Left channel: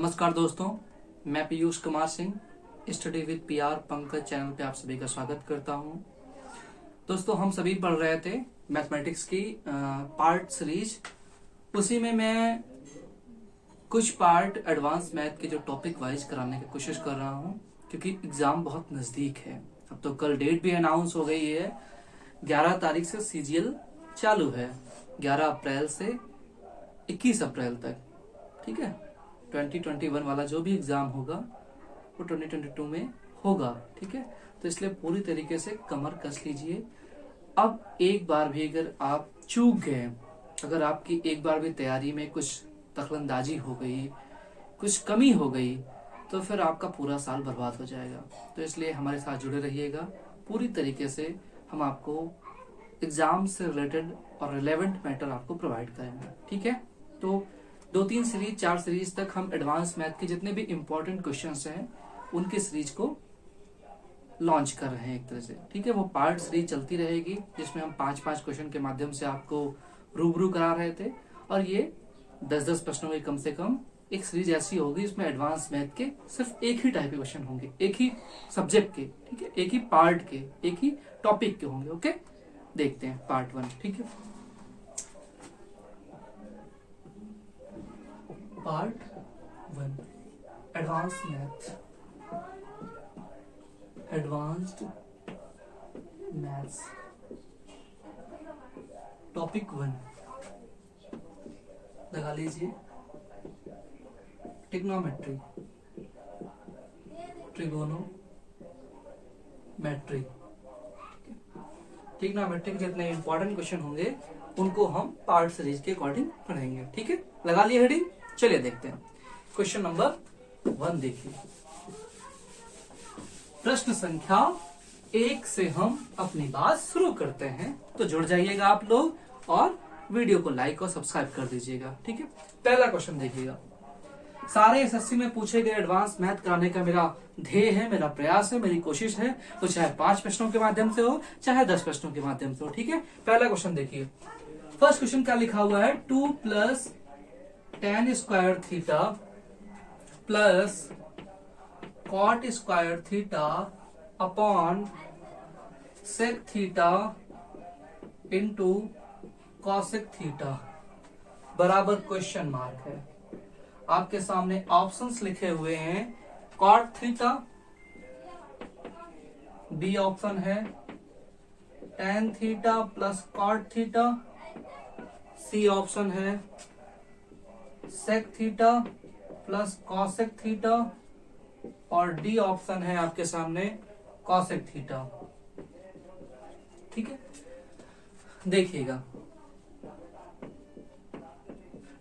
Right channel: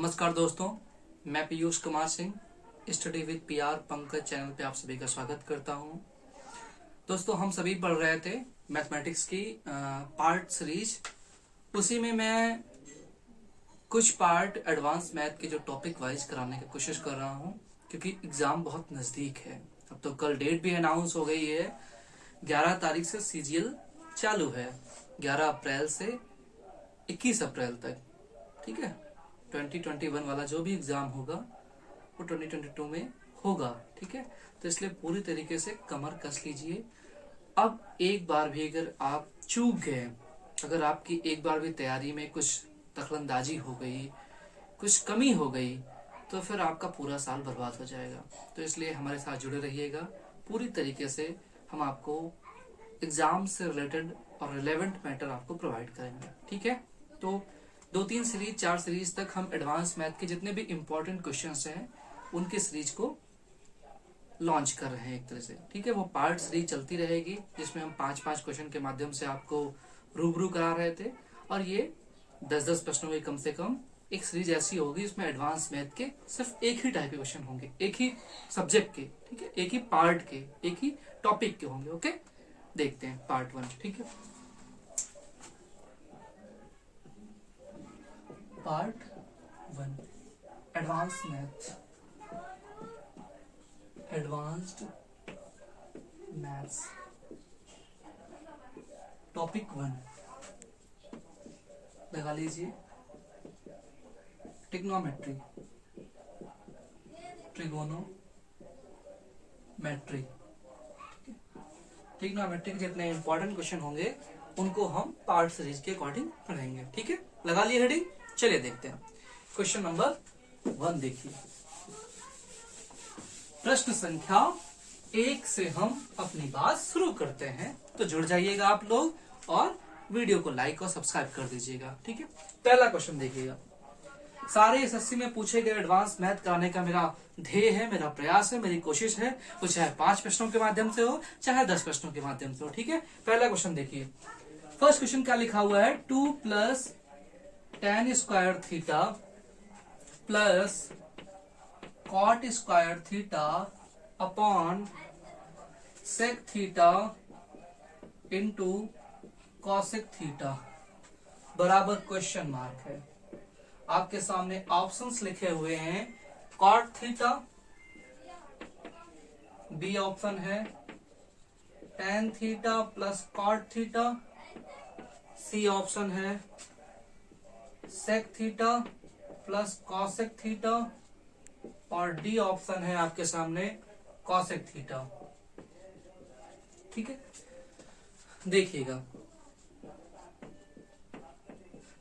नमस्कार दोस्तों, मैं Piyush Kumar Singh study with PR Pankaj channel पे आप सभी का स्वागत करता हूं। दोस्तों, हम सभी पढ़ रहे थे मैथमेटिक्स की पार्ट सीरीज। उसी में मैं कुछ पार्ट एडवांस मैथ के जो टॉपिक वाइज कराने की कोशिश कर रहा हूं, क्योंकि एग्जाम बहुत नजदीक है। अब तो कल डेट भी अनाउंस हो गई है, 11 तारीख से सीजीएल चालू है, 11 अप्रैल से 21 अप्रैल तक। ठीक है, 2021 वाला जो भी एग्जाम होगा वो 2022 में होगा। ठीक है, तो इसलिए पूरी तरीके से कमर कस लीजिए। अब एक बार भी अगर आप चूक गए, अगर आपकी एक बार भी तैयारी में कुछ दखलंदाजी हो गई, कुछ कमी हो गई, तो फिर आपका पूरा साल बर्बाद हो जाएगा। तो इसलिए हमारे साथ जुड़े रहिएगा। पूरी तरीके से हम आपको एग्जाम से रिलेटेड और रिलेवेंट मैटर आपको प्रोवाइड करेंगे। ठीक है, तो 2-3 सीरीज 4 सीरीज तक हम एडवांस मैथ के जितने भी इंपॉर्टेंट क्वेश्चंस हैं उनके सीरीज को लॉन्च कर रहे हैं एक तरह से। ठीक है, वो पार्ट सीरीज चलती रहेगी, जिसमें हम 5-5 क्वेश्चन के माध्यम से आपको रूबरू करा रहे थे। और ये 10-10 प्रश्नों की कम से कम एक सीरीज ऐसी होगी जिसमें एडवांस मैथ के सिर्फ एक ही टाइप के क्वेश्चन होंगे, एक ही सब्जेक्ट के। ठीक है, एक ही पार्ट के, एक ही टॉपिक के होंगे। ओके, देखते हैं पार्ट 1। ठीक है, part 1 advance math, advanced maths, topic 1 लगा लीजिए। Trigonometry, trigonometry. ट्रिग्नोमेट्री के जितने इंपॉर्टेंट क्वेश्चन होंगे उनको हम पार्ट सीरीज के अकॉर्डिंग पढ़ेंगे। ठीक है, लगा लिए हेडिंग। चलिए देखते हैं क्वेश्चन नंबर 1। देखिए, प्रश्न संख्या 1 से हम अपनी बात शुरू करते हैं। तो जुड़ जाइएगा आप लोग और वीडियो को लाइक और सब्सक्राइब कर दीजिएगा। ठीक है, पहला क्वेश्चन देखिएगा। सारे एसएससी में पूछे गए एडवांस मैथ कराने का मेरा ध्येय है, मेरा प्रयास है, मेरी कोशिश है। तो चाहे 5 प्रश्नों के माध्यम से हो, चाहे 10 प्रश्नों के माध्यम से हो। ठीक है, पहला क्वेश्चन देखिए। फर्स्ट क्वेश्चन क्या लिखा हुआ है? 2 + tan square theta plus cot square theta upon sec theta into cosec theta बराबर क्वेश्चन मार्क है। आपके सामने ऑप्शंस लिखे हुए हैं। cot थीटा बी ऑप्शन है, tan theta plus cot theta C option है, sec theta plus cosec theta और डी ऑप्शन है आपके सामने cosec थीटा। ठीक है, देखिएगा,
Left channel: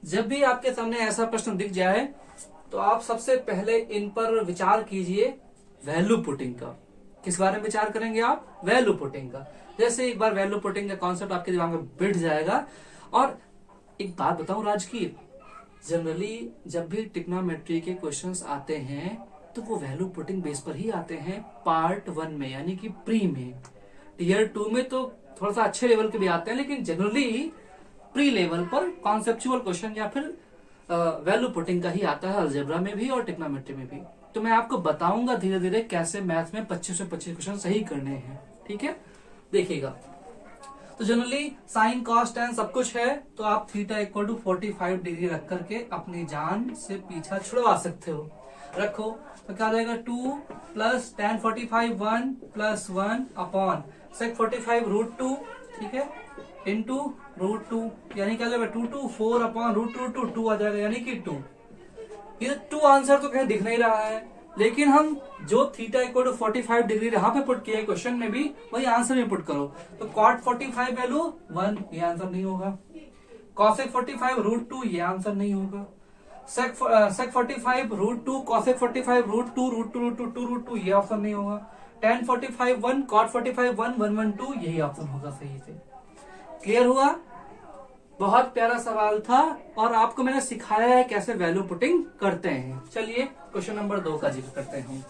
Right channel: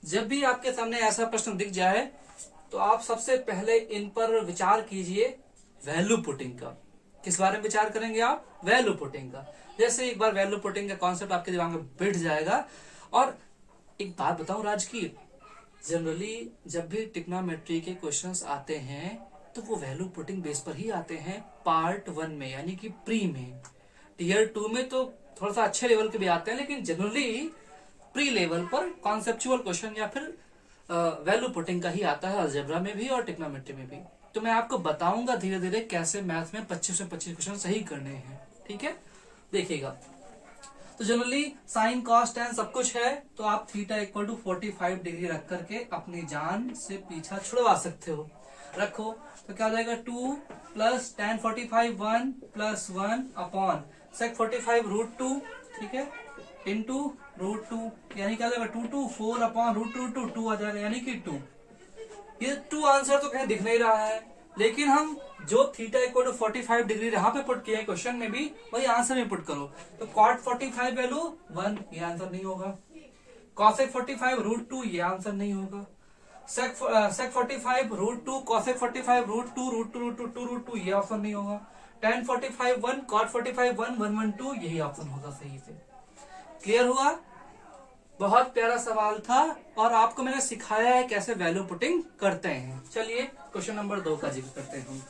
जब भी आपके सामने ऐसा प्रश्न दिख जाए तो आप सबसे पहले इन पर विचार कीजिए वैल्यू पुटिंग का। किस बारे में विचार करेंगे आप? वैल्यू पुटिंग का। जैसे एक बार वैल्यू पुटिंग का कॉन्सेप्ट आपके दिमाग में बैठ जाएगा। और एक बात बताऊं राज की, जनरली जब भी ट्रिग्नोमेट्री के क्वेश्चंस आते हैं तो वो वैल्यू पुटिंग बेस पर ही आते हैं पार्ट 1 में, यानी कि प्री में। टियर 2 में तो थोड़ा सा अच्छे लेवल के भी आते हैं, लेकिन जनरली प्री लेवल पर कॉन्सेप्चुअल क्वेश्चन या फिर वैल्यू पुटिंग का ही आता है, अलजेब्रा में भी और ट्रिग्नोमेट्री में भी। तो मैं आपको बताऊंगा धीरे धीरे कैसे मैथ में 25 से 25 क्वेश्चन सही करने हैं। ठीक है, देखिएगा। तो जनरली साइन कॉस टेन सब कुछ है, तो आप थीटा इक्वल टू 45 डिग्री रख करके अपनी जान से पीछा छुड़वा सकते हो। रखो तो क्या हो जाएगा? 2 + tan 45 1 + 1 अपॉन sec 45 √2। ठीक है, इंटू √2, यानी क्या हो जाएगा? 2 4 अपॉन √2 2 आ जाएगा, यानी कि 2। ये 2 आंसर तो कहीं दिख नहीं रहा है, लेकिन हम जो थीटा इक्वल टू 45 डिग्री यहाँ पे पुट किए क्वेश्चन में भी, वही आंसर में पुट करो। तो cot 45 वैल्यू 1, ये आंसर नहीं होगा। cosec 45 √2, ये आंसर नहीं होगा। sec 45 √2 cosec 45 √2 ये ऑप्शन नहीं होगा। tan 45 1 cot 45 1 1 1 2, यही ऑप्शन होगा सही से। क्लियर हुआ? बहुत प्यारा सवाल था और आपको मैंने सिखाया है कैसे वैल्यू पुटिंग करते हैं। चलिए क्वेश्चन नंबर 2 का जिक्र करते हैं।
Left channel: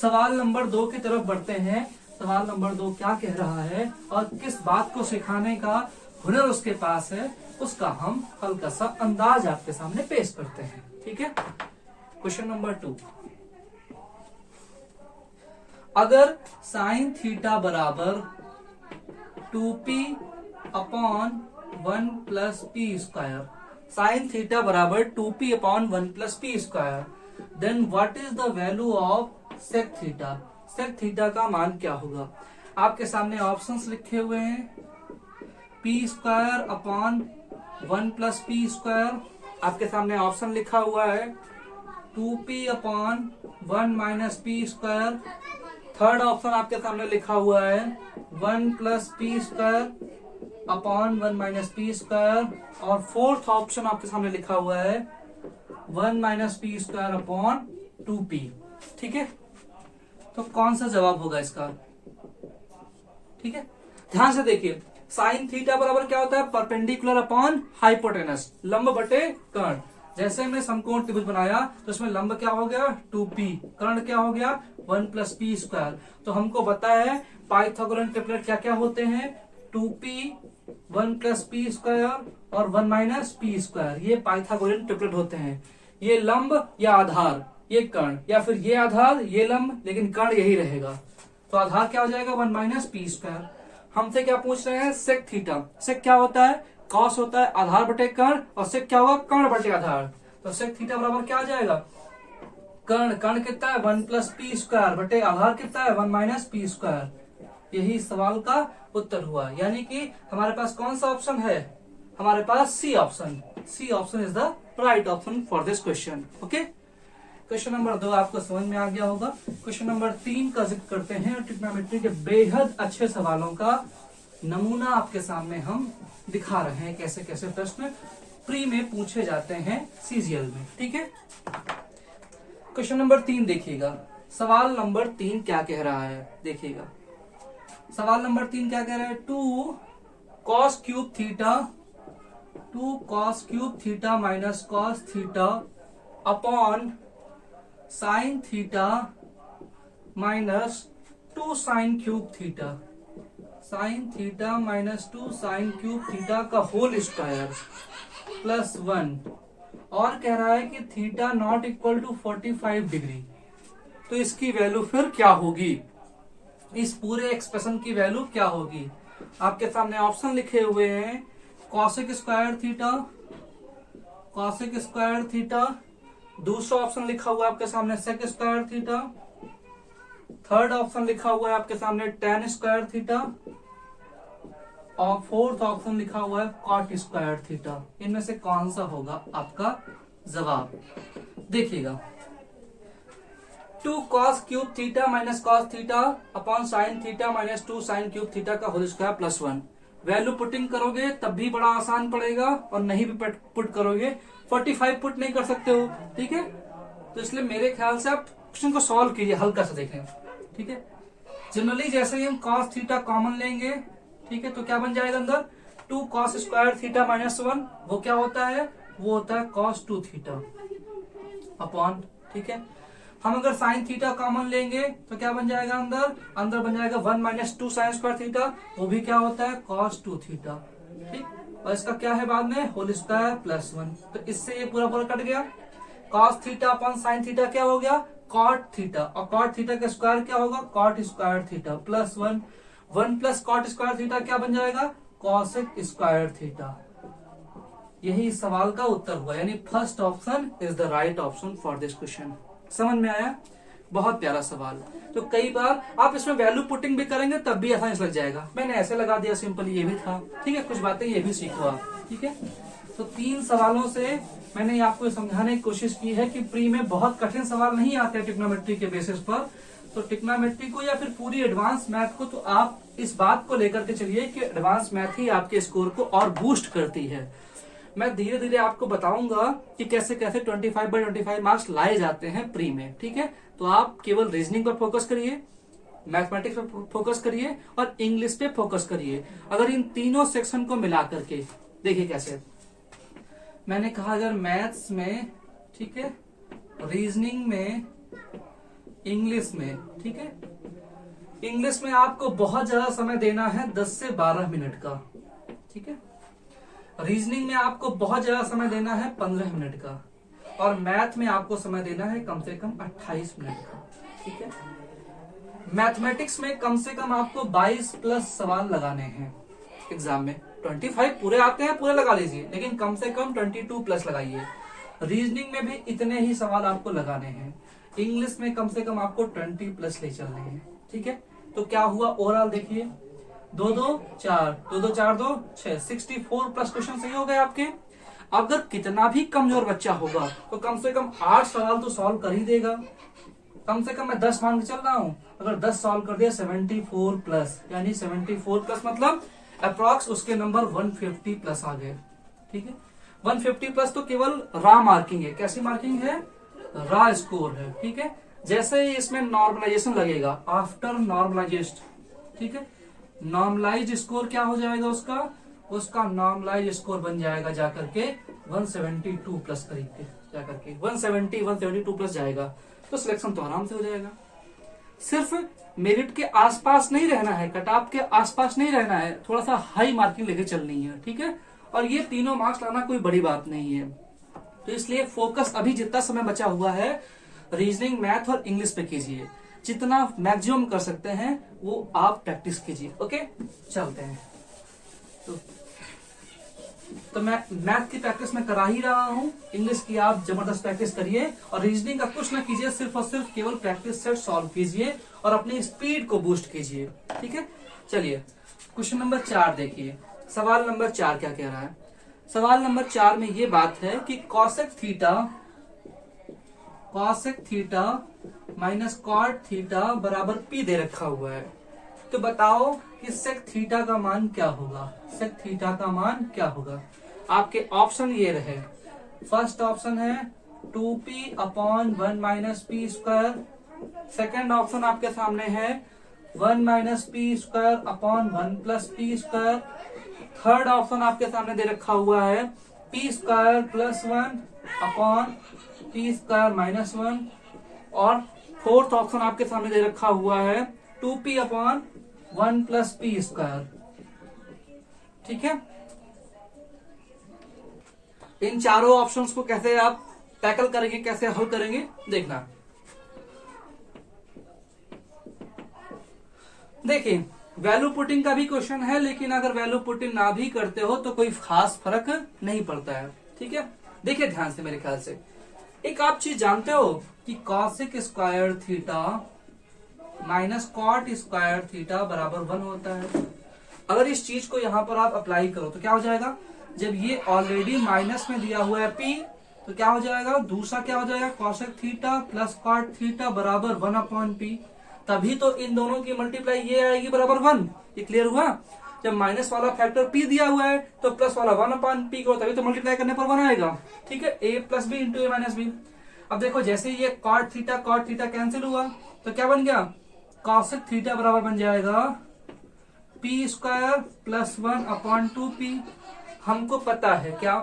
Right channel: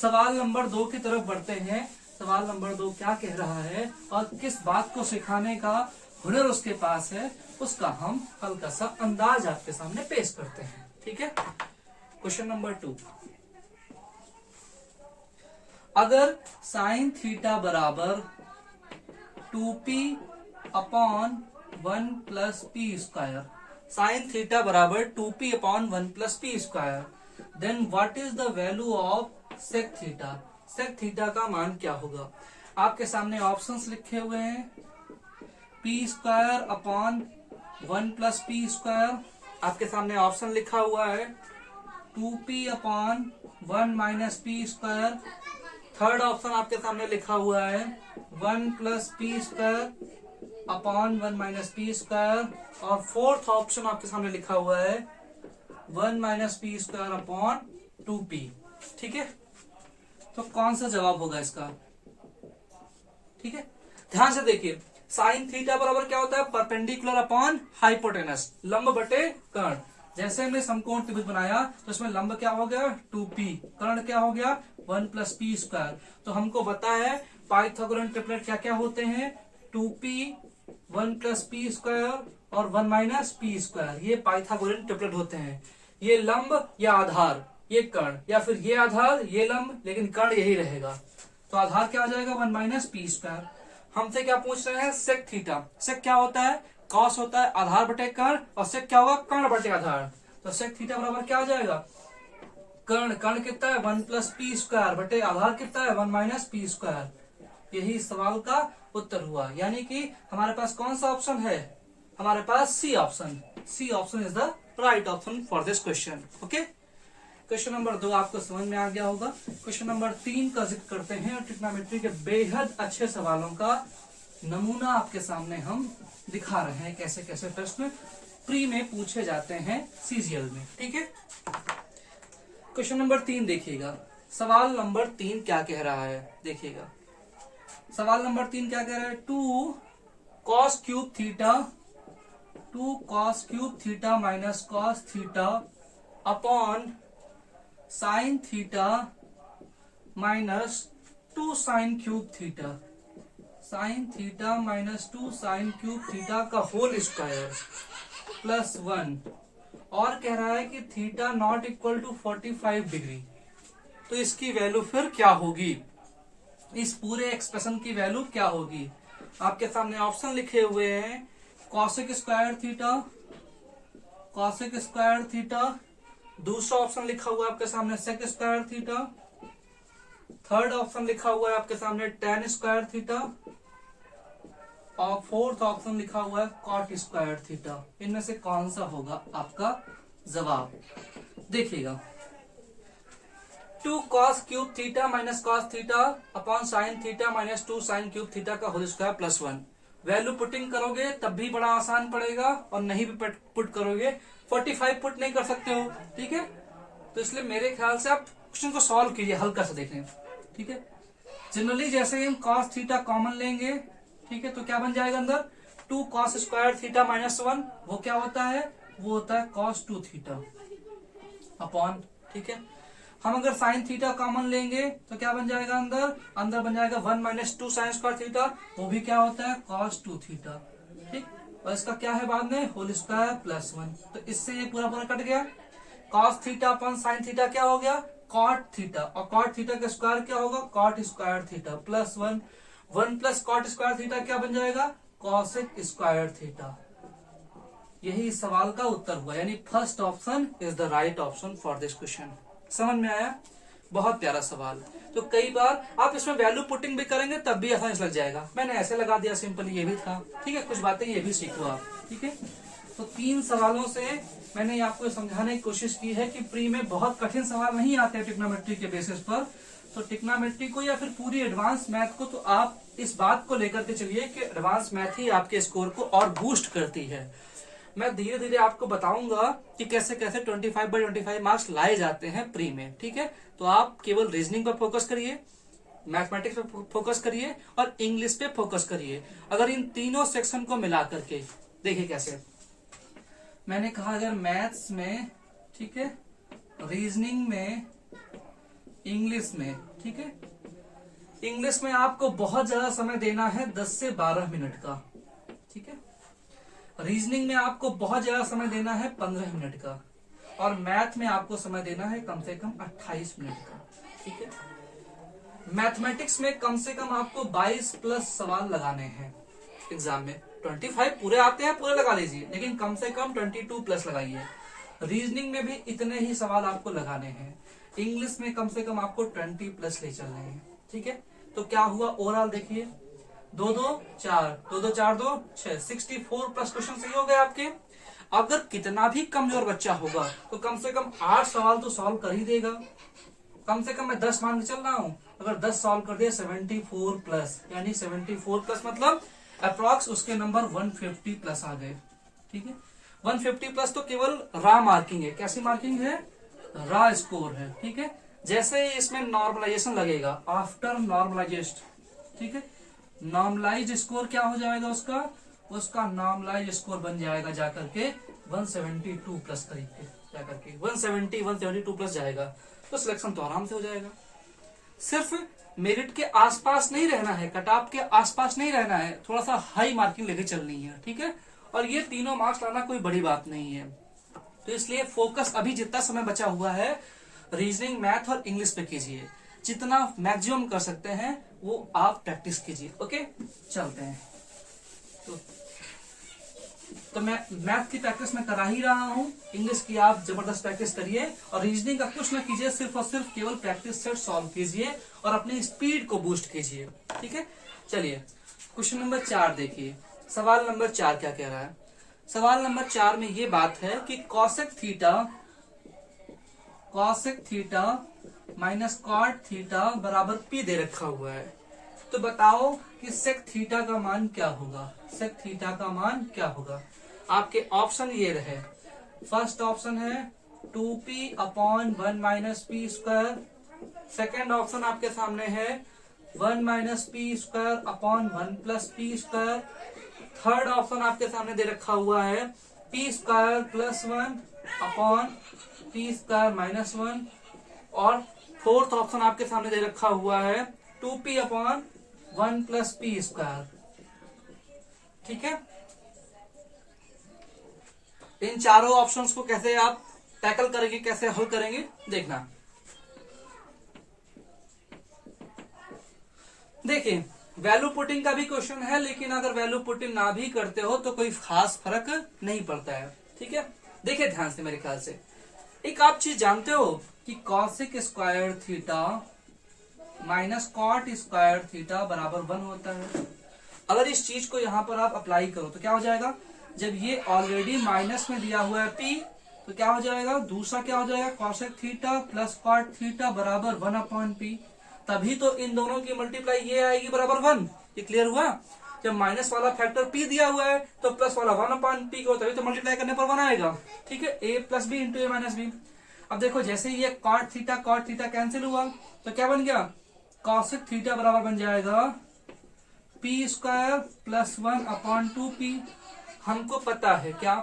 सवाल नंबर 2 की तरफ बढ़ते हैं। सवाल नंबर 2 क्या कह रहा है और किस बात को सिखाने का हुनर उसके पास है, उसका हम हल्का सा अंदाज आपके सामने पेश करते हैं। ठीक है, क्वेश्चन नंबर 2, अगर साइन थीटा बराबर 2p upon 1 plus P square, sine theta बराबर 2p upon 1 plus P square, then what is the value of sec theta, sec theta का मान क्या होगा। आपके सामने ऑप्शंस लिखे हुए हैं, P square upon 1 plus P square, आपके सामने ऑप्शन लिखा हुआ है 2p upon 1 minus P square, third option आपके सामने लिखा हुआ है 1 plus P square upon 1 minus P square, और फोर्थ ऑप्शन आपके सामने लिखा हुआ है 1 minus P square upon 2p। ठीक है, तो कौन सा जवाब होगा इसका। ठीक है, ध्यान से देखिए, साइन थीटा बराबर क्या होता है, परपेंडिकुलर अपॉन हाइपोटेनस, लंब बटे कर्ण। जैसे हमने समकोण त्रिभुज बनाया तो इसमें लंब क्या हो गया 2p, कर्ण क्या हो गया 1 प्लस पी स्क्वायर। तो हमको पता है पाइथागोरन ट्रिपलेट क्या क्या होते हैं, 2p 1 प्लस पी स्क्वायर और 1 माइनस पी स्क्वायर, ये पाइथागोरन ट्रिपलेट होते हैं। ये लंब या आधार, ये कर्ण, या फिर ये आधार ये लंब लेकिन कर्ण यही रहेगा। तो आधार क्या हो जाएगा 1 माइनस पी स्क्वायर। हमसे क्या पूछ रहे हैं, सेक थीटा, सेक क्या होता है, कॉस होता है आधार बटे कर्ण, और सेक क्या होगा कर्ण बटे आधार। तो सेक थीटा बराबर क्या आ जाएगा, कर्ण, कर्ण कितना है 1 प्लस पी स्क्वायर बटे आधार कितना है 1 माइनस पी स्क्वायर। यही सवाल का उत्तर हुआ, यानी कि हमारे पास कौन सा ऑप्शन है, हमारे पास C option, C option is the right option for this question. Okay, question number 2 आपको समझ में आ गया होगा। क्वेश्चन नंबर 3 का जिक्र करते हैं, और ट्रिग्नोमेट्री के बेहद अच्छे सवालों का नमूना आपके सामने हम दिखा रहे हैं, कैसे कैसे प्रश्न प्री में पूछे जाते हैं सीजीएल में। ठीक है, क्वेश्चन नंबर 3 देखिएगा, सवाल नंबर 3 क्या कह रहा है, देखिएगा सवाल नंबर 3 क्या कह रहा है, 2 cos cube theta, 2 cos cube theta minus cos theta upon sine theta minus 2 sine cube theta, sine theta minus 2 sine cube theta का होल स्क्वायर प्लस 1, और कह रहा है कि theta not equal to 45 degree. तो इसकी वैल्यू फिर क्या होगी, इस पूरे एक्सप्रेशन की वैल्यू क्या होगी। आपके सामने ऑप्शन लिखे हुए हैं, cosec square theta, cosec square theta, दूसरा ऑप्शन लिखा हुआ है आपके सामने sec square theta, third option लिखा हुआ है आपके सामने tan स्क्वायर थीटा, और फोर्थ ऑप्शन लिखा हुआ है कॉट स्क्वायर थीटा। इनमें से कौन सा होगा आपका जवाब, देखिएगा 2 cos cube theta minus cos theta upon sine theta minus 2 sine cube theta का whole square plus 1। Value putting करोगे तब भी बड़ा आसान पड़ेगा, और नहीं भी पुट करोगे 45 पुट नहीं कर सकते हो। ठीक है, तो इसलिए मेरे ख्याल से आप क्वेश्चन को सॉल्व कीजिए, हल्का सा देखें। ठीक है, जनरली जैसे ही हम कॉस थीटा कॉमन लेंगे, ठीक है, तो क्या बन जाएगा अंदर 2 कॉस स्क्वायर थीटा माइनस 1, वो क्या होता है, वो होता है कॉस 2 थीटा अपॉन, ठीक है, हम अगर साइन थीटा कॉमन लेंगे तो क्या बन जाएगा अंदर, अंदर बन जाएगा 1 माइनस 2 साइन स्क्वायर थीटा, वो भी क्या होता है कॉस 2 थीटा। ठीक, और इसका क्या है बाद में होल स्क्वायर प्लस 1, तो इससे ये पूरा पूरा कट गया। Cos theta upon sine theta क्या हो गया कॉट थीटा, और कॉट थीटा का स्क्वायर क्या होगा cot square theta plus 1, 1 plus cot square theta क्या बन जाएगा कॉसेक स्क्वायर थीटा। यही इस सवाल का उत्तर हुआ, यानी first option is the right option for this question. समझ में आया, बहुत प्यारा सवाल। तो कई बार आप इसमें वैल्यू पुटिंग भी करेंगे तब भी आसान लग जाएगा, मैंने ऐसे लगा दिया सिंपल, ये भी था। ठीक है, कुछ बातें ये भी सीखो आप। ठीक है, तो 3 सवालों से मैंने आपको समझाने की कोशिश की है कि प्री में बहुत कठिन सवाल नहीं आते हैं ट्रिग्नोमेट्री के बेसिस पर। तो ट्रिग्नोमेट्री को या फिर पूरी एडवांस मैथ को तो आप इस बात को लेकर के चलिए कि एडवांस मैथ ही आपके स्कोर को और बूस्ट करती है। मैं धीरे धीरे आपको बताऊंगा कि कैसे कैसे 25/25 मार्क्स लाए जाते हैं प्री में। ठीक है, तो आप केवल रीजनिंग पर फोकस करिए, मैथमेटिक्स पे फोकस करिए और इंग्लिश पे फोकस करिए। अगर इन तीनों सेक्शन को मिला करके देखिए कैसे, मैंने कहा अगर मैथ्स में, ठीक है, रीजनिंग में, इंग्लिश में, ठीक है, इंग्लिश में आपको बहुत ज्यादा समय देना है 10 से 12 मिनट का। ठीक है, रीजनिंग में आपको बहुत ज्यादा समय देना है 15 मिनट का, और मैथ में आपको समय देना है कम से कम 28 मिनट का। ठीक है, मैथमेटिक्स में कम से कम आपको 22 प्लस सवाल लगाने हैं एग्जाम में। 25 पूरे आते हैं, पूरे लगा लीजिए, लेकिन कम से कम 22 प्लस लगाइए। रीजनिंग में भी इतने ही सवाल आपको लगाने हैं। इंग्लिश में कम से कम आपको 20 प्लस ले चलने हैं। ठीक है, तो क्या हुआ ओवरऑल देखिए, 2 2 4 2 2 4 2 6 64 प्लस क्वेश्चन सही हो गए आपके। अगर कितना भी कमजोर बच्चा होगा तो कम से कम 8 सवाल तो सॉल्व कर ही देगा। कम से कम मैं 10 मान के चल रहा हूं, अगर 10 सॉल्व कर दिया 74 प्लस, यानी 74 प्लस मतलब अप्रॉक्स उसके नंबर 150 प्लस आ गए। ठीक है, 150 प्लस तो केवल रा मार्किंग है। कैसी मार्किंग है? रा स्कोर है। ठीक है, जैसे ही इसमें नॉर्मलाइजेशन लगेगा, आफ्टर नॉर्मलाइजेशन, ठीक है, नॉर्मलाइज स्कोर क्या हो जाएगा उसका नॉर्मलाइज स्कोर बन जाएगा जाकर के 172 प्लस करीब के, जाकर के 172 प्लस जाएगा, तो सिलेक्शन तो आराम से हो जाएगा। सिर्फ मेरिट के आसपास नहीं रहना है, कट ऑफ के आसपास नहीं रहना है, थोड़ा सा हाई मार्किंग लेके चलनी है। ठीक है, और ये तीनों मार्क्स लाना कोई बड़ी बात नहीं है। तो इसलिए फोकस अभी जितना समय बचा हुआ है रीजनिंग, मैथ और इंग्लिश पे कीजिए। जितना मैक्सिमम कर सकते हैं वो आप प्रैक्टिस कीजिए। ओके, चलते हैं। तो मैं मैथ की प्रैक्टिस में करा ही रहा हूं, इंग्लिश की आप जबरदस्त प्रैक्टिस करिए, और रीजनिंग का कुछ ना कीजिए, सिर्फ और सिर्फ केवल प्रैक्टिस सेट सॉल्व कीजिए और अपनी स्पीड को बूस्ट कीजिए। ठीक है, चलिए क्वेश्चन नंबर 4 देखिए। सवाल नंबर 4 क्या कह रहा है? सवाल नंबर 4 में ये बात है कि cosec theta minus cot theta बराबर पी दे रखा हुआ है। तो बताओ कि सेक थीटा का मान क्या होगा? सेक थीटा का मान क्या होगा? आपके ऑप्शन ये रहे। फर्स्ट ऑप्शन है 2p upon 1 minus P square. Second option आपके सामने है 1 minus P square upon 1 plus P square. Third option आपके सामने दे रखा हुआ है P square plus 1 upon P square minus 1। और फोर्थ ऑप्शन आपके सामने दे रखा हुआ है 2p upon 1 plus P square. ठीक है, इन चारों ऑप्शंस को कैसे आप टैकल करेंगे, कैसे हल करेंगे, देखना। देखिए, वैल्यू पुटिंग का भी क्वेश्चन है, लेकिन अगर वैल्यू पुटिंग ना भी करते हो तो कोई खास फर्क नहीं पड़ता है। ठीक है, देखिए ध्यान से, मेरे ख्याल से एक आप चीज जानते हो कि cosec square theta minus cot square theta बराबर 1 होता है। अगर इस चीज को यहां पर आप अप्लाई करो तो क्या हो जाएगा? जब ये ऑलरेडी माइनस में दिया हुआ है p, तो क्या हो जाएगा? दूसरा क्या हो जाएगा? Cosec theta plus cot theta बराबर 1 अपॉन पी। तभी तो इन दोनों की मल्टीप्लाई ये आएगी बराबर 1। ये क्लियर हुआ? जब माइनस वाला फैक्टर p दिया हुआ है तो प्लस वाला 1 अपॉन पी को, तभी तो मल्टीप्लाई करने पर 1 आएगा। ठीक है, a plus B into A minus B. अब देखो, जैसे ये कॉट थीटा कैंसिल हुआ तो क्या बन गया? कॉसेक थीटा बराबर बन जाएगा P square plus 1 upon 2p। हमको पता है क्या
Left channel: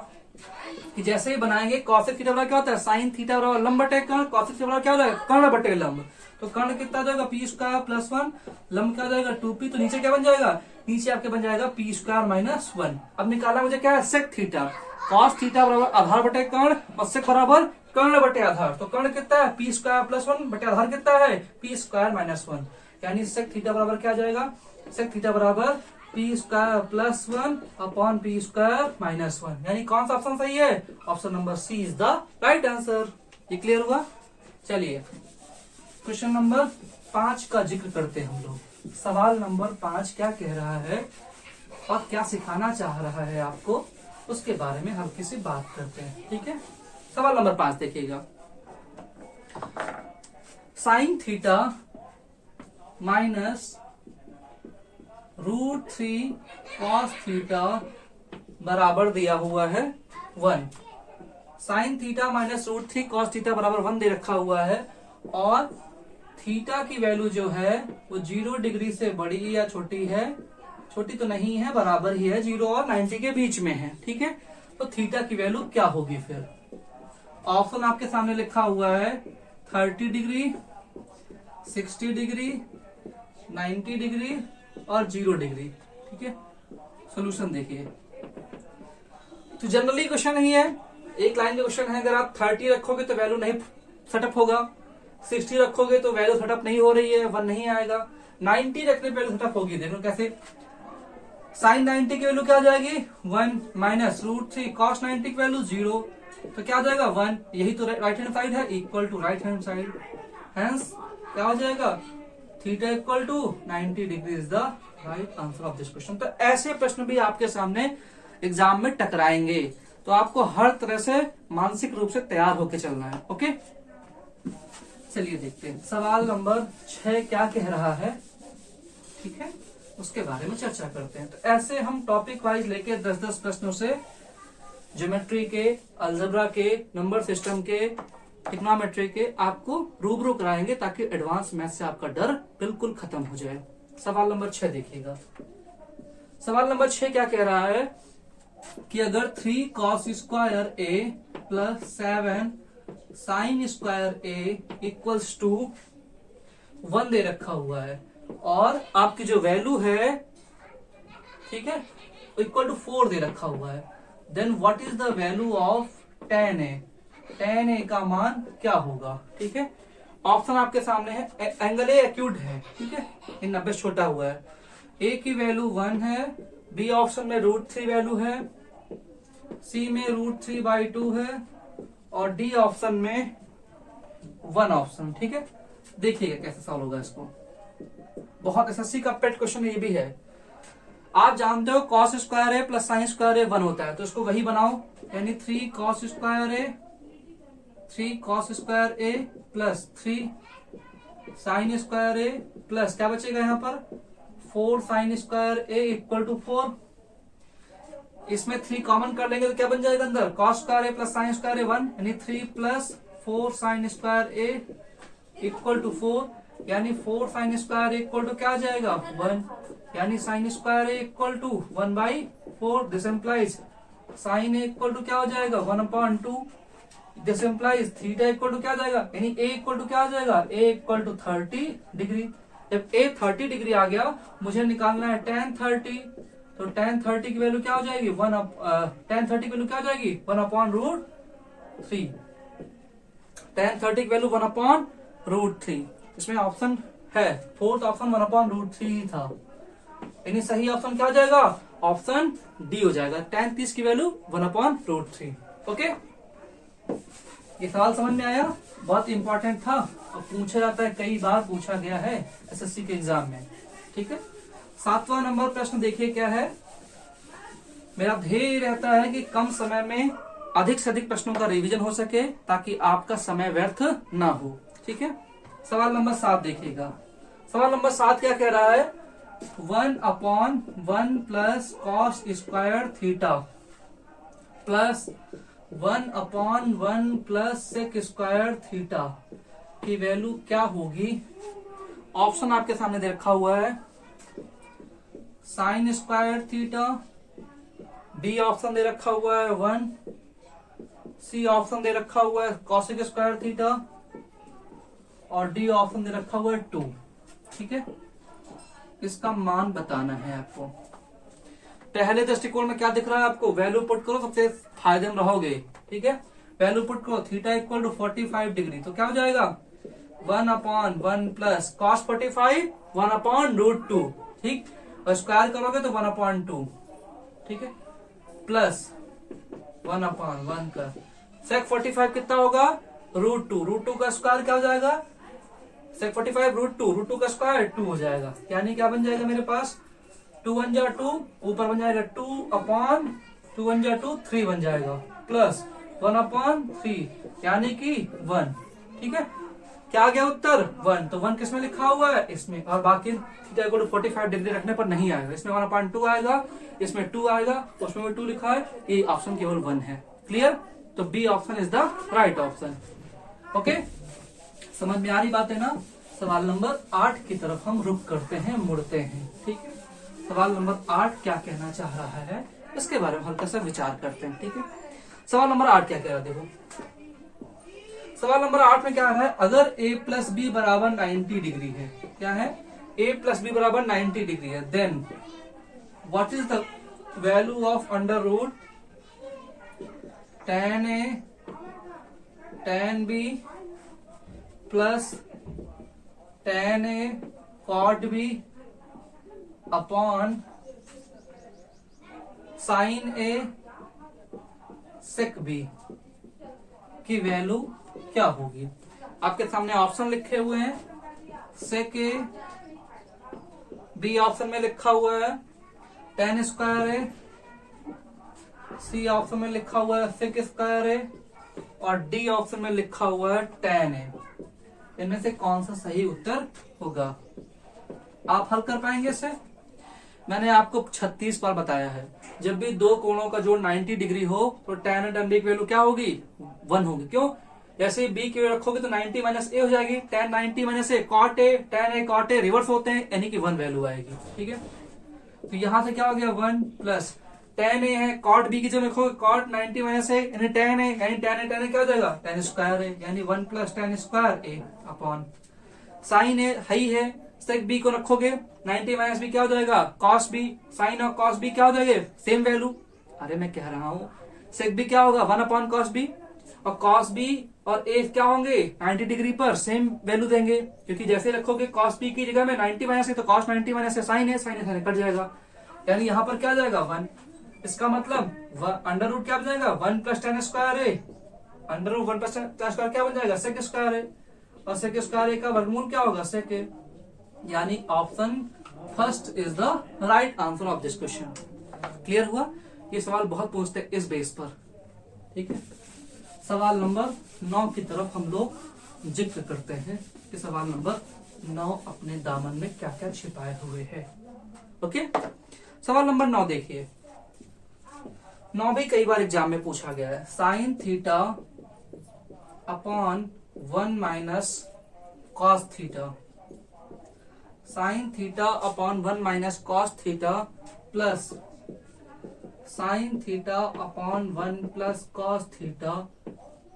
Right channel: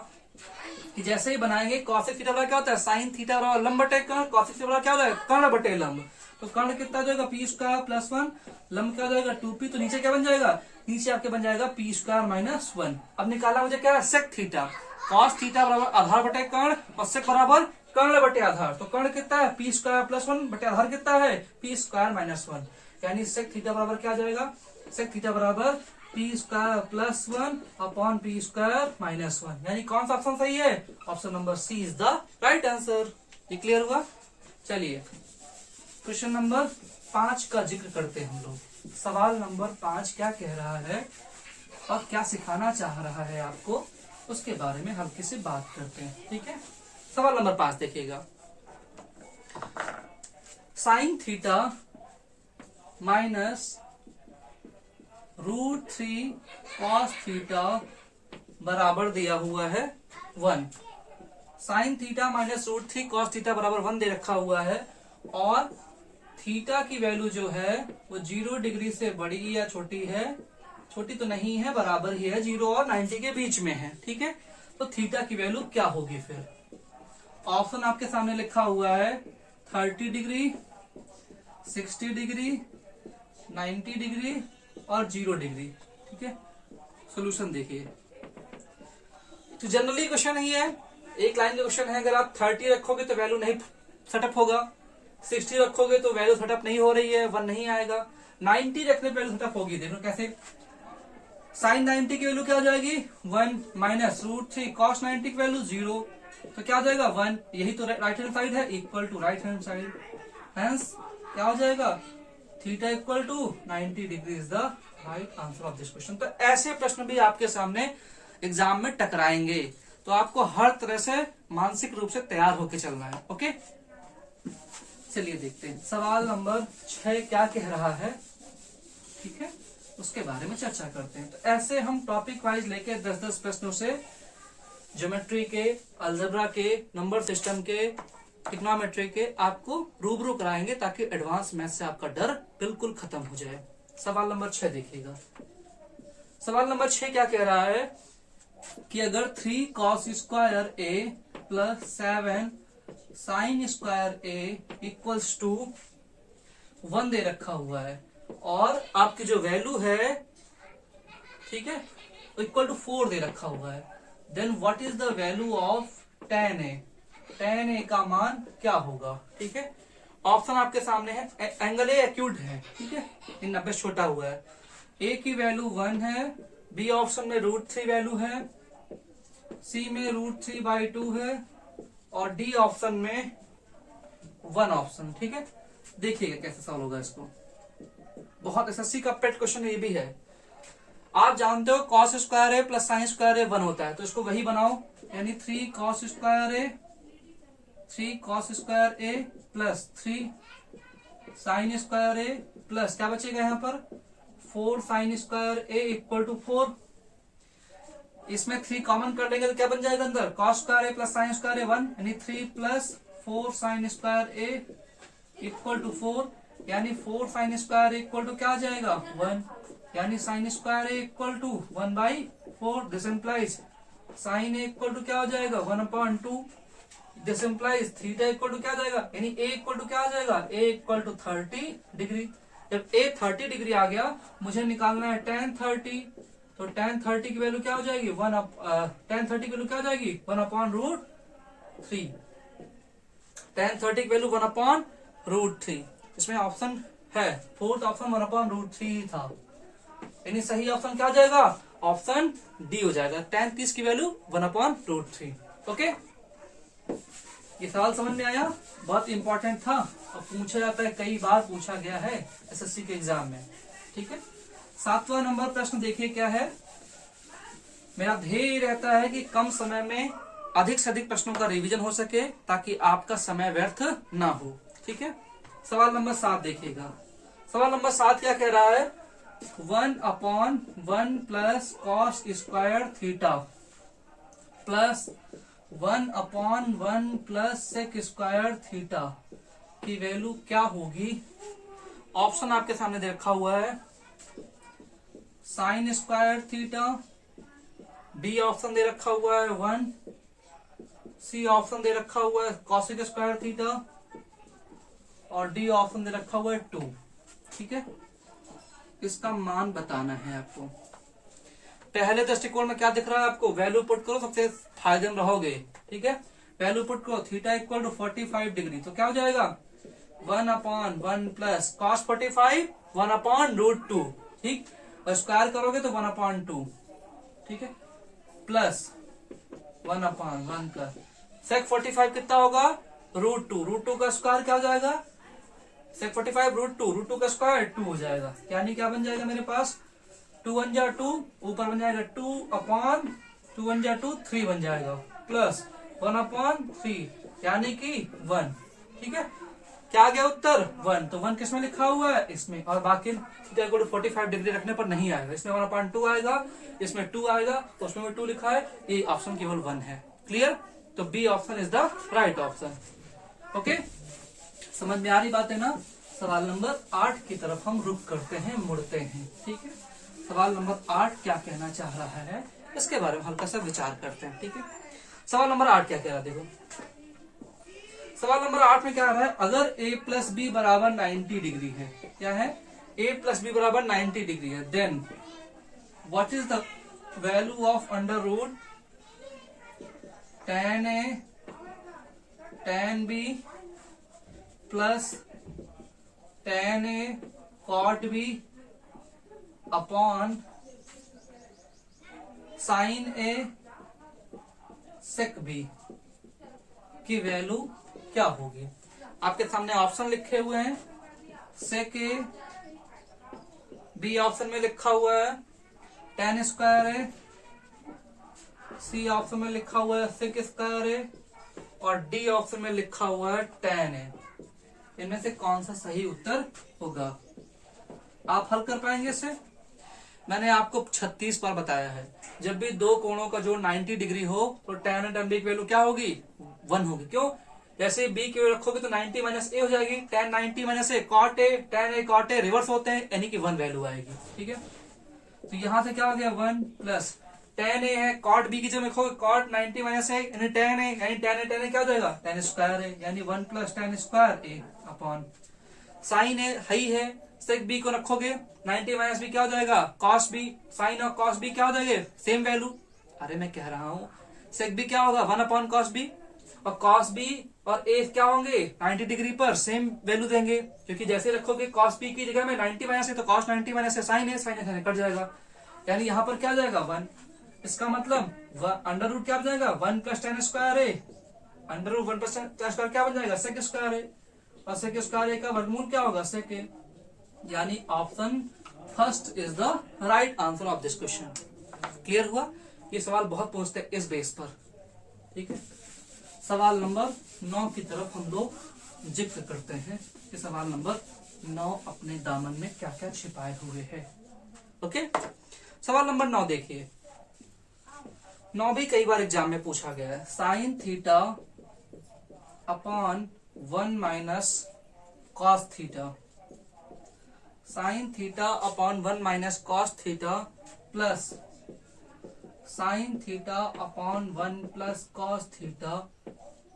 कि जैसे ही बनाएंगे कॉसेक थीटा बराबर क्या होता है? साइन थीटा बराबर लंब बटे कर्ण। कॉसेक थीटा बराबर क्या होता है? कर्ण बटे लंब। तो कर्ण कितना हो जाएगा? पी स्क्वायर प्लस 1, लंब क्या हो जाएगा? 2p। तो नीचे क्या बन जाएगा? नीचे आपके बन जाएगा पी स्क्वायर माइनस 1। अब निकाला मुझे क्या है? Sec theta. कॉस थीटा बराबर आधार बटे कर्ण और सेक बराबर कर्ण बटे आधार। तो कर्ण कितना है? पी स्क्वायर प्लस 1 बटे आधार कितना है? P square minus 1। यानी सेक थीटा बराबर क्या आ जाएगा? सेक थीटा बराबर P square plus 1 upon P square minus 1। यानी कौन सा ऑप्शन सही है? Option number C is the right answer. ये क्लियर हुआ? चलिए क्वेश्चन नंबर 5 का जिक्र करते हैं हम लोग। सवाल नंबर 5 क्या कह रहा है और क्या सिखाना चाह रहा है आपको, उसके बारे में हल्की सी बात करते हैं। ठीक है, सवाल नंबर 5 देखिएगा। Sign theta minus √3 cos theta बराबर दिया हुआ है 1। Sign theta minus √3 cos theta बराबर 1 दे रखा हुआ है, और थीटा की वैल्यू जो है वो 0 डिग्री से बड़ी या छोटी है? छोटी तो नहीं है, बराबर ही है, 0 और 90 के बीच में है। ठीक है, तो थीटा की वैल्यू क्या होगी? फिर ऑप्शन आपके सामने लिखा हुआ है 30 डिग्री, 60 डिग्री, 90 डिग्री और 0 डिग्री। ठीक है, सॉल्यूशन देखिए। तो जनरली क्वेश्चन ही है एक लाइन का क्वेश्चन है, अगर आप 30 रखोगे तो वैल्यू नहीं सेटअप होगा, 60 रखोगे तो वैल्यू सेटअप नहीं हो रही है, 1 नहीं आएगा, 90 रखने पे वैल्यू सेटअप होगी। देखो कैसे, साइन 90 की वैल्यू क्या हो जाएगी 1 माइनस √3, कॉस 90 की वैल्यू 0, तो क्या हो जाएगा 1, यही तो राइट हैंड साइड है, equal to right hand side, hence क्या हो जाएगा theta equal to 90 degree is the right answer of this question. तो ऐसे प्रश्न भी आपके सामने एग्जाम में टकराएंगे, तो आपको हर तरह से मानसिक रूप से तैयार होकर चलना है। ओके, चलिए देखते हैं सवाल नंबर 6 क्या कह रहा है, ठीक है, उसके बारे में चर्चा करते हैं। तो ऐसे हम टॉपिक वाइज लेके 10-10 प्रश्नों से ज्योमेट्री के, अलजेब्रा के, नंबर सिस्टम के, ट्रिग्नोमेट्री के आपको रूबरू कराएंगे, ताकि एडवांस मैथ से आपका डर बिल्कुल खत्म हो जाए। सवाल नंबर 6 देखिएगा। सवाल नंबर 6 क्या कह रहा है कि अगर 3 cos square a plus 7 sine square a equals to 1 दे रखा हुआ है, और आपकी जो वैल्यू है, ठीक है, इक्वल टू 4 दे रखा हुआ है, then what is the value of tan a, tan a का मान क्या होगा। ठीक है, ऑप्शन आपके सामने है, एंगल ए एक्यूट है, ठीक है, इन 90 छोटा हुआ है, a की वैल्यू 1 है, बी ऑप्शन में √3 वैल्यू है, सी में √3/2 है, और डी ऑप्शन में 1 ऑप्शन। ठीक है, देखिएगा कैसे सॉल्व होगा इसको, बहुत एसएससी का पेट क्वेश्चन ये भी है। आप जानते हो cos square A plus sine square A 1 होता है, तो इसको वही बनाओ, यानी 3 cos square A plus 3 sine square A plus क्या बचेगा यहाँ पर 4 sine square A equal to 4। इसमें 3 कॉमन कर लेंगे तो क्या बन जाएगा अंदर, cos square A plus sine square A 1, यानी 3 plus 4 sine square A equal to 4, यानी 4 साइन स्क्वायर इक्वल टू क्या आ जाएगा 1, यानी sine square A equal to 1/4। This implies sine A equal to क्या हो जाएगा 1/2। This implies theta equal to क्या आ जाएगा, यानी ए इक्वल टू क्या आ जाएगा, ए इक्वल टू 30 डिग्री। जब ए 30 डिग्री आ गया, मुझे निकालना है tan 30, तो tan 30 की वैल्यू क्या हो जाएगी tan 30 की वैल्यू क्या हो जाएगी 1/√3। tan 30 की वैल्यू 1/√3। इसमें ऑप्शन है, फोर्थ ऑप्शन 1/√3 था, यानी सही ऑप्शन क्या हो जाएगा, ऑप्शन डी हो जाएगा, tan 30 की वैल्यू 1/√3। ओके, ये सवाल समझ में आया, बहुत इंपॉर्टेंट था और पूछा जाता है, कई बार पूछा गया है एसएससी के एग्जाम में। ठीक है, 7वां नंबर प्रश्न देखिए क्या है। मेरा ध्येय रहता है कि कम समय में अधिक से अधिक प्रश्नों का रिवीजन हो सके, ताकि आपका समय व्यर्थ ना हो। ठीक है, सवाल नंबर 7 देखिएगा। सवाल नंबर 7 क्या कह रहा है, 1/1 plus cos square theta plus 1/1 plus sec square theta की वैल्यू क्या होगी। ऑप्शन आपके सामने दे रखा हुआ है, sine square theta, B option दे रखा हुआ है 1, सी ऑप्शन दे रखा हुआ है कॉसिक स्क्वायर थीटा, और डी ऑप्शन दे रखा हुआ है 2। ठीक है, इसका मान बताना है आपको। पहले दृष्टिकोण में क्या दिख रहा है आपको, वैल्यू पुट करो, सबसे फायदे में रहोगे। ठीक है, वैल्यू पुट करो, थीटा इक्वल टू 45 डिग्री, तो क्या हो जाएगा 1/1 प्लस कॉस 45 1/√2। ठीक, और स्क्वायर करोगे तो 1/2। ठीक है, प्लस 1/1 का सेक 45 कितना होगा √2, √2 का स्क्वायर क्या हो जाएगा, सेक 45 √2 का स्क्वायर 2 हो जाएगा, यानी क्या बन जाएगा मेरे पास 2 1 जा 2, ऊपर बन जाएगा 2/2 1 जा 2 3 बन जाएगा, प्लस 1/3 यानी कि 1। ठीक है, क्या आ गया उत्तर 1, तो 1 किसमें लिखा हुआ है, इसमें, और बाकी थीटा इक्वल टू 45 डिग्री रखने पर नहीं आएगा, इसमें 1/2 आएगा, इसमें 2 आएगा, उसमें भी 2 लिखा है, ये ऑप्शन केवल 1 है। क्लियर, तो B option is the right option. Okay, समझ में आ रही बात है ना। सवाल नंबर 8 की तरफ हम रुख करते हैं, मुड़ते हैं। ठीक है, सवाल नंबर 8 क्या कहना चाह रहा है, इसके बारे में हल्का सा विचार करते हैं। ठीक है, सवाल नंबर 8 क्या कह रहा है, देखो सवाल नंबर 8 में क्या है, अगर a प्लस बी बराबर 90 डिग्री है, क्या है, a प्लस बी बराबर 90 डिग्री है, then what is the value of under root tan A tan B plus tan A cot B upon sin A sec B की वैल्यू क्या होगी। आपके सामने ऑप्शन लिखे हुए हैं, sec A, B ऑप्शन में लिखा हुआ है tan square A, C option में लिखा हुआ है sec स्क्वायर A और D ऑप्शन में लिखा हुआ है tan A। इनमें से कौन सा सही उत्तर होगा? आप हल कर पाएंगे इसे? मैंने आपको 36 बार बताया है, जब भी दो कोणों का जोड़ 90 डिग्री हो तो tan और tan B की वैल्यू क्या होगी? 1 होगी। क्यों? जैसे B की वैल्यू रखोगे तो 90 माइनस ए हो जाएगी, tan 90 minus A cot A, tan A cot A reverse होते हैं, यानी कि 1 वैल्यू आएगी। ठीक है, तो यहां से क्या हो गया 1 प्लस tan A है, cot B की जगह रखोगे cot 90 माइनस ए यानी tan A, यानी tan A क्या हो जाएगा? tan स्क्वायर A, यानी 1 plus tan square A upon sin A है sec B को रखोगे 90 माइनस बी क्या हो जाएगा? cos B, sin और cos B क्या हो जाएगा? Same value. अरे मैं कह रहा हूं sec B क्या होगा? 1 अपॉन cos B, और cos B और A क्या होंगे? 90 डिग्री पर सेम वैल्यू देंगे, क्योंकि जैसे रखोगे cos B की जगह में 90 माइनस है तो cos 90 माइनस है sin है कट जाएगा, यानी यहाँ पर क्या हो जाएगा 1। इसका मतलब अंडर रूट क्या बन जाएगा? 1 plus tan square A, under root 1 plus tan square क्या बन जाएगा? sec स्क्वायर A, और sec स्क्वायर A का वर्गमूल क्या होगा? sec A, यानी option first is the right answer of this question. Clear हुआ? ये सवाल बहुत पूछते हैं इस बेस पर। ठीक है, सवाल नंबर 9 की तरफ हम लोग जिक्र करते हैं कि सवाल नंबर 9 अपने दामन में क्या क्या छिपाए हुए है। ओके, सवाल नंबर 9 देखिए, 9 भी कई बार एग्जाम में पूछा गया है। Sine theta upon 1 minus cos theta, sine theta upon 1 minus cos theta plus sine theta upon 1 plus cos theta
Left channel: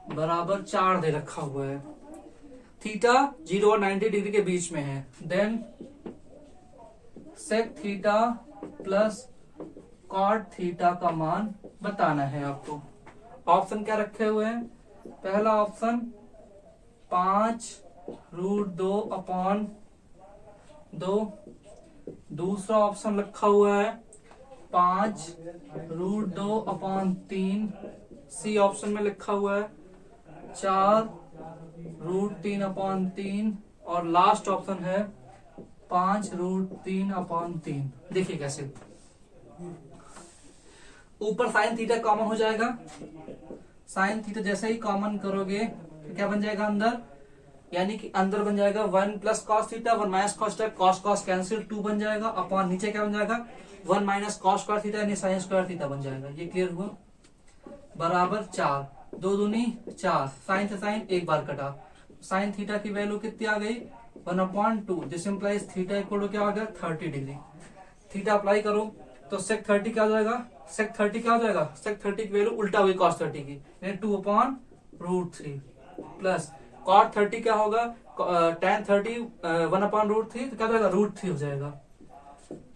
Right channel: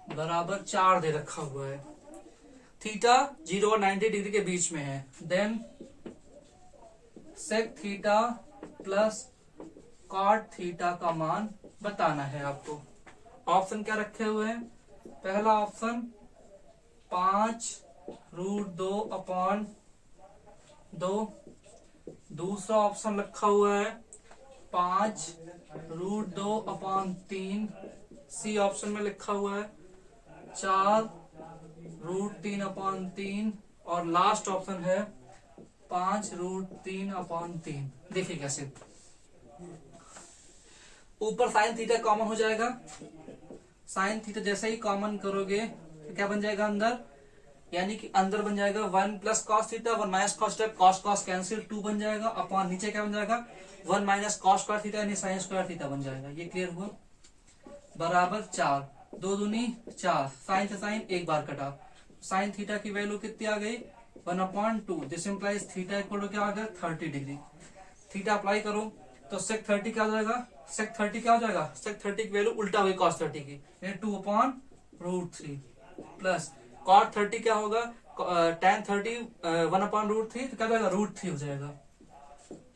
बराबर 4 दे रखा हुआ है। थीटा 0 और 90 डिग्री के बीच में है। Then sec theta plus cot theta का मान बताना है आपको। ऑप्शन क्या रखे हुए हैं? पहला ऑप्शन 5√2 अपॉन 2, दूसरा ऑप्शन रखा हुआ है 5√2 अपॉन 3, सी ऑप्शन में लिखा हुआ है 4√3 अपॉन 3, और लास्ट ऑप्शन है 5√3 अपॉन 3। देखिए कैसे, ऊपर साइन थीटा कॉमन हो जाएगा, साइन थीटा जैसे ही कॉमन करोगे तो क्या बन जाएगा अंदर, यानी कि अंदर बन जाएगा 1 plus cos theta 1 minus cos theta, cos cos cancel 2 बन जाएगा, अपॉन नीचे क्या बन जाएगा 1 माइनस कॉस स्क्वायर थीटा यानी साइन स्क्वायर थीटा बन जाएगा। ये क्लियर हुआ? बराबर 4, 2 दूनी 4, साइन से साइन एक बार कटा, साइन थीटा की वैल्यू कितनी आ गई 1/2, this implies theta equal to क्या आ गया 30 डिग्री। थीटा अप्लाई करो तो सेक 30 क्या हो जाएगा? सेक 30 क्या हो जाएगा? सेक 30 की वैल्यू उल्टा हुई कॉस 30 की, यानी 2/√3 प्लस कॉट 30 क्या होगा? tan 30 1/√3 तो क्या हो जाएगा? √3 हो जाएगा,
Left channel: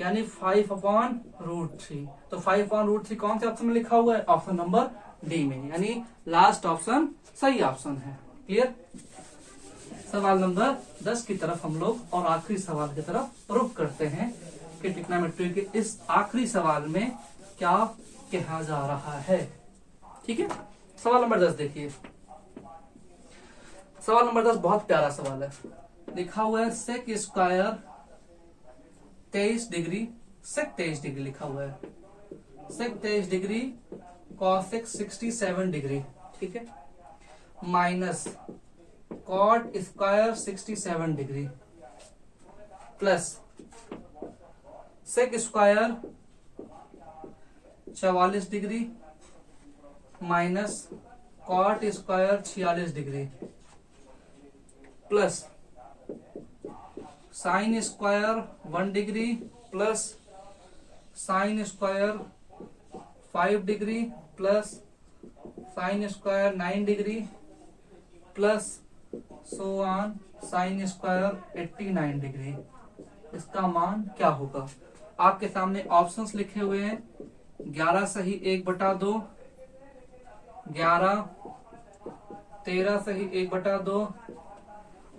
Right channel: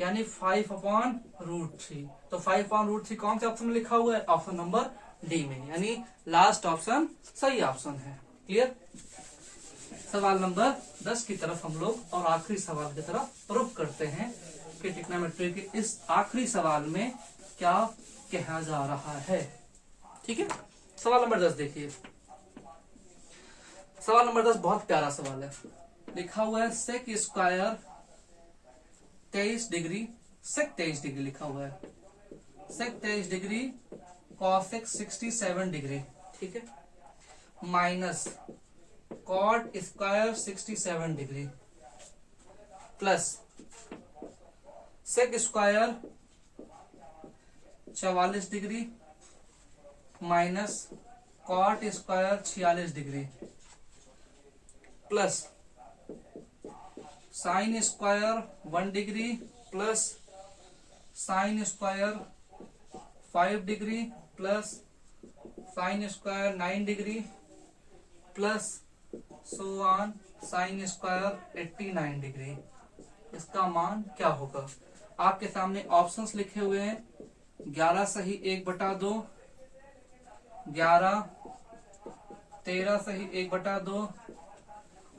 यानी 5/√3। तो 5/√3 कौन से ऑप्शन में लिखा हुआ है? ऑप्शन नंबर डी में, यानी लास्ट ऑप्शन सही ऑप्शन है। क्लियर? सवाल नंबर 10 की तरफ हम लोग और आखिरी सवाल की तरफ रुख करते हैं कि ट्रिग्नोमेट्री के इस आखिरी सवाल में क्या कहा जा रहा है। ठीक है, सवाल नंबर 10 देखिए। सवाल नंबर 10 बहुत प्यारा सवाल है। लिखा हुआ है सेक स्क्वायर 23 डिग्री, सेक 23 डिग्री लिखा हुआ है, सेक 23 डिग्री कॉसेक 67 डिग्री, ठीक है, minus cot square 67 degree plus sec square 44 degree minus cot square 46 degree plus sine square 1 degree plus sine square 5 degree plus sine square 9 degree plus so on sine square 89 degree. इसका मान क्या होगा? आपके सामने options लिखे हुए हैं, 11 सही 1/2, 11, 13 सही 1/2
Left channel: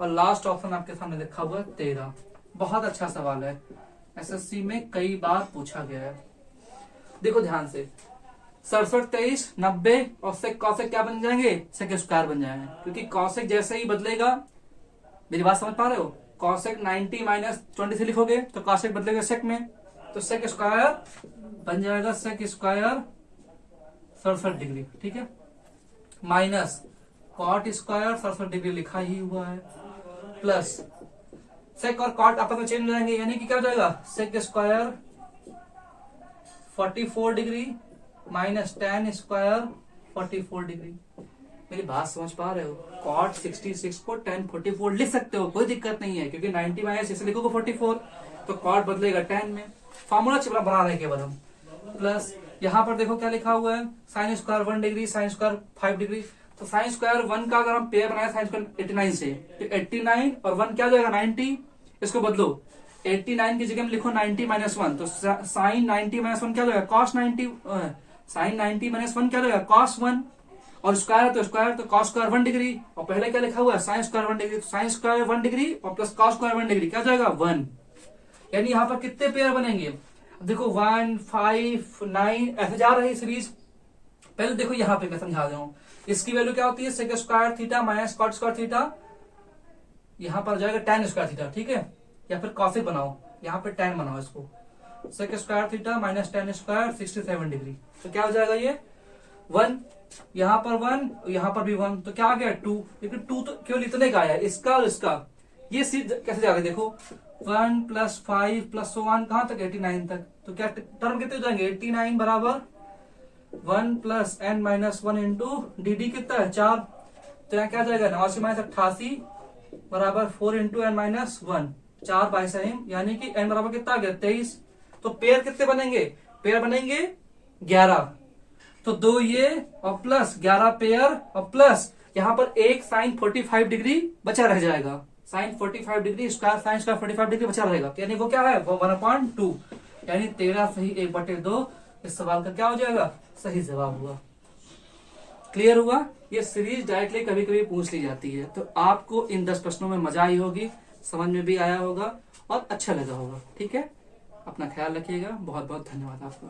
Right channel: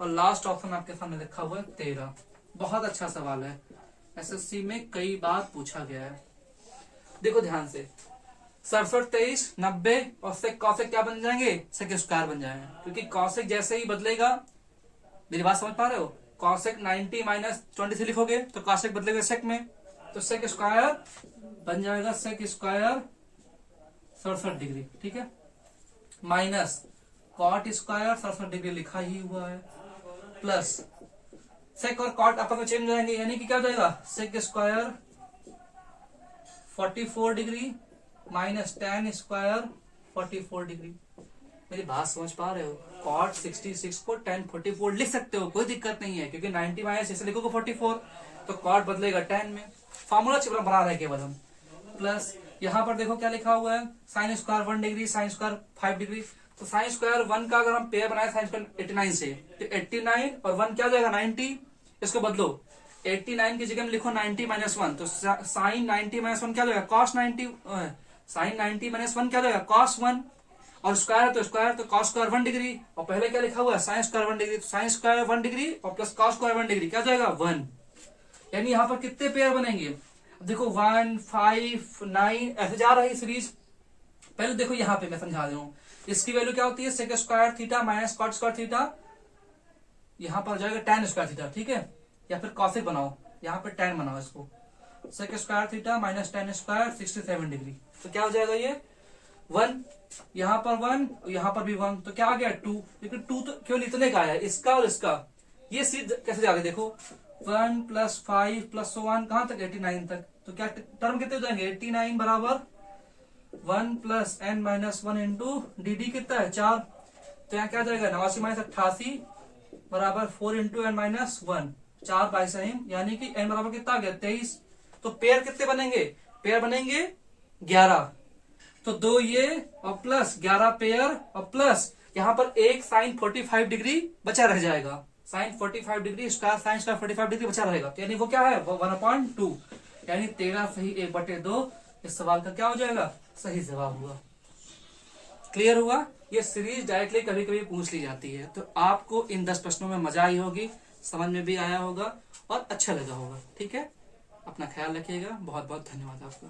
और लास्ट ऑप्शन आपके सामने लिखा हुआ है 13। बहुत अच्छा सवाल है, एसएससी में कई बार पूछा गया है। देखो ध्यान से, 67, 23, 90 और सेक कॉसेक क्या बन जाएंगे, सेक स्क्वायर बन जाएंगे, क्योंकि कॉसेक जैसे ही बदलेगा, मेरी बात समझ पा रहे हो, कॉसेक 90 माइनस 23 लिखोगे तो कॉसेक बदलेगा सेक में, तो सेक स्क्वायर बन जाएगा सेक स्क्वायर 67 डिग्री, ठीक है, माइनस कॉट स्क्वायर 67 डिग्री लिखा ही हुआ है, प्लस सेक और कॉट आपस में चेंज हो जाएंगे, यानी कि क्या हो जाएगा, sec square 44 degree minus tan square 44 degree. मेरी बात समझ पा रहे हो, कॉट 66 को tan 44 लिख सकते हो, कोई दिक्कत नहीं है, क्योंकि 90 माइनस इसे लिखोगे 44 तो कॉट बदलेगा tan में, फॉर्मूला चिपरा बना रहे केवल हम। प्लस यहाँ पर देखो क्या लिखा हुआ है, sine square 1 degree, sign square 5 degree, तो साइन स्क्वायर 1 का अगर हम पेयर बनाए साइन स्क्वायर 89 से, तो 89 और 1 क्या हो जाएगा 90, इसको बदलो 89 की जगह में लिखो 90 माइनस 1, तो साइन 90 माइनस 1 क्या हो जाएगा कॉस 90, साइन 90 माइनस 1 क्या हो जाएगा कॉस 1, और स्क्वायर तो कॉस स्क्वायर 1 डिग्री, और पहले क्या लिखा हुआ है साइन स्क्वायर 1 डिग्री, तो साइन स्क्वायर 1 डिग्री और प्लस कॉस स्क्वायर 1 डिग्री क्या हो जाएगा 1, यानी यहाँ पर कितने पेयर बनेंगे, देखो 1, 5, 9 ऐसे जा रही सीरीज। पहले देखो यहाँ पे मैं समझा रहा हूँ, इसकी वैल्यू क्या होती है sec square theta minus cot square theta, यहाँ पर जाएगा tan स्क्वायर थीटा, ठीक है, या फिर कॉसिक बनाओ, यहाँ पे tan बनाओ इसको, sec square theta minus tan square 67 degree, तो क्या हो जाएगा ये 1, यहाँ पर 1, यहाँ पर भी 1, तो क्या आ गया 2, लेकिन 2 तो केवल इतने का है, इसका और इसका, ये सीध कैसे जाएगा देखो 1 + 5 + 1 कहां तक 89 तक, तो क्या टर्म कितने हो जाएंगे 89 बराबर 1 + n-1 इंटू dd कितना है 4, तो यहाँ क्या जाएगा 89 माइनस 88 बराबर 4 इंटू n-1, 4 बाई साइन, यानी कि n बराबर कितना आ गया 23, तो पेयर कितने बनेंगे, पेयर बनेंगे 11, तो 2 ये और प्लस 11 पेयर और प्लस यहाँ पर एक साइन 45 डिग्री बचा रह जाएगा, sine 45 degree square sine square 45 degree बचा रहेगा, तो यानी वो क्या है वो 1/2, यानी 13 सही 1/2 इस सवाल का क्या हो जाएगा सही जवाब हुआ। क्लियर हुआ, ये सीरीज डायरेक्टली कभी कभी पूछ ली जाती है, तो आपको इन 10 प्रश्नों में मजा आई होगी, समझ में भी आया होगा और अच्छा लगा होगा, ठीक है, अपना ख्याल रखिएगा, बहुत बहुत धन्यवाद आपका।